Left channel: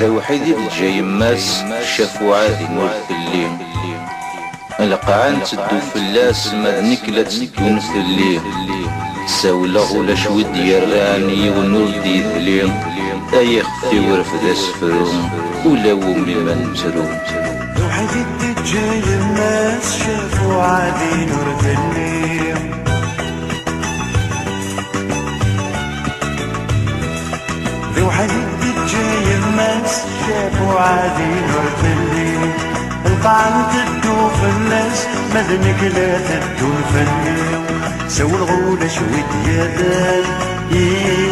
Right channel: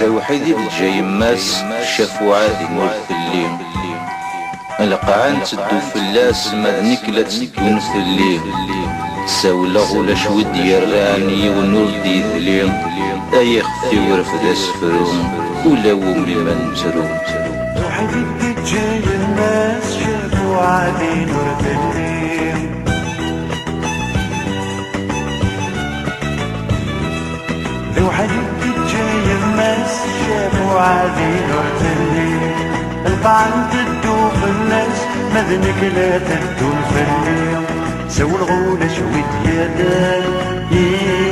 ذا وحيد الجاي ماس شافوا عادي نور الليل القاعان تدو فلاس مذنك لا تدون في الليل ساولا غولا شود يراني ونور دي ذليل اي خفي ورفد اسفرون ولا ومي ما نترو القاعة تدو في الناس مذنك لا تدو الفني سو الغولة شوي ديالها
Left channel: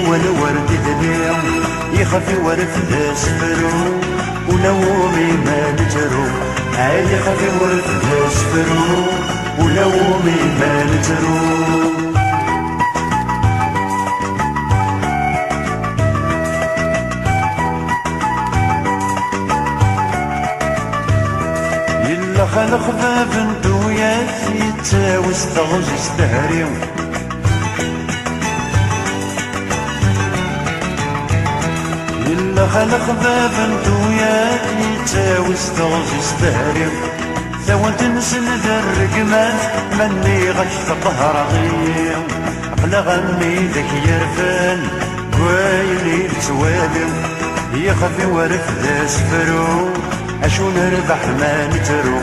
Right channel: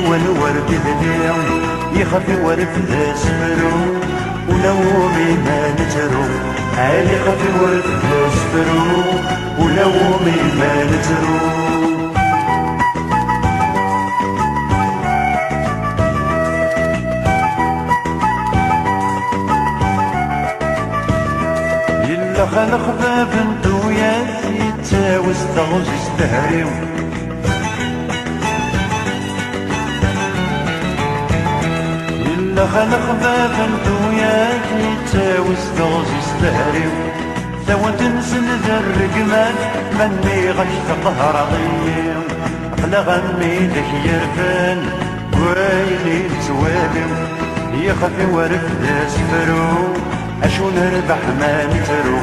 ولا ورد ذليل يخفي ورث اسفرو ونومي ما نترو يخفي ورث اسفرو ونومي ما نترو استغوز استهريو إلا خلق باب انتوياك يتاوي استغوز استهريو ثوى تنسن ذا الرقمات مني غش قهرميو أقل غني ذاك يرفان ويلي توابيو يخفي ورث ذا سفرو أشو نربح ما نترو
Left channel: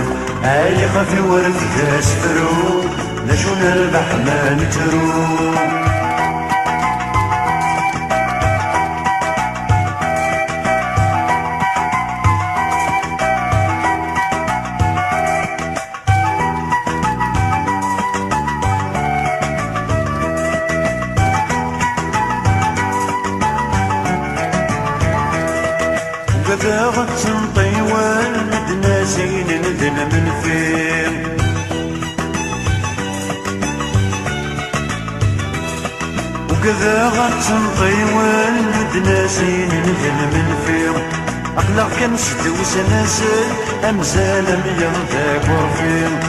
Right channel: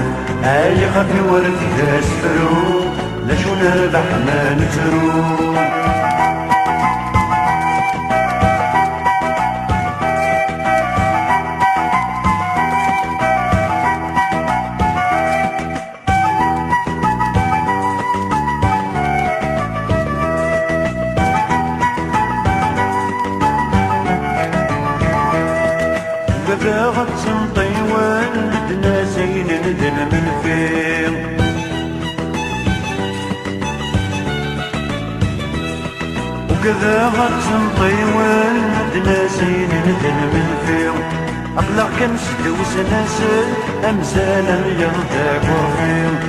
يخفي ورث ذا سفرو نشو نربح ما نترو قداغت طيوان مدناسين ندل من فين وكذا طيوان مدناسين ندل من فيض أقلع كان ستوس ناسل أمزال يرتاق وفيض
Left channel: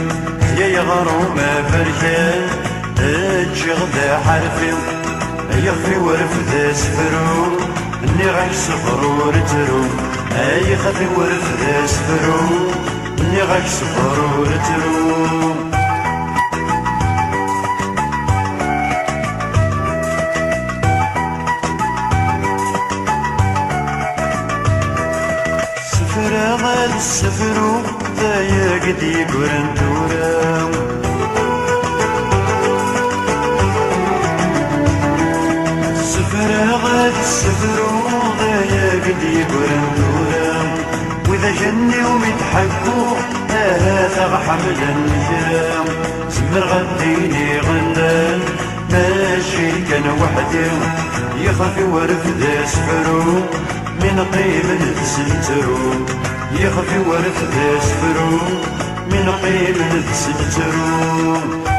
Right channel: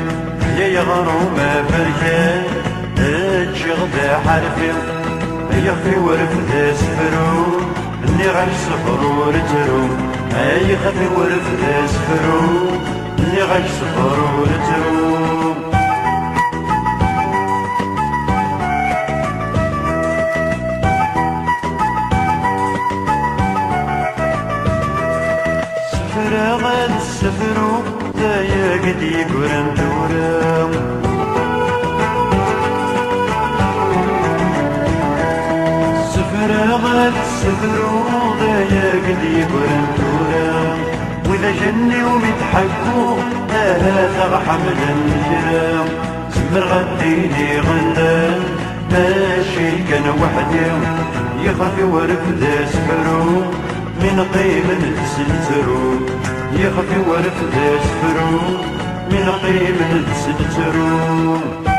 يا يغرو ما بريان تجغد حرفي يخفي ورف ذا سفرو اني غير سفرو رترو يخفي ورف ذا سفرو اني غير سفرو رترو السفرو ذايا قد يقرن تورا السفرو ذايا قد يقرن تورا واذا جني ومتحبو هذا حمل النجرام زمر غديني غندان ماشي كان وحده يخفي ورف ذا سفرو من قيم تسلترو يخفي ورث اسفرو من قيم تسلترو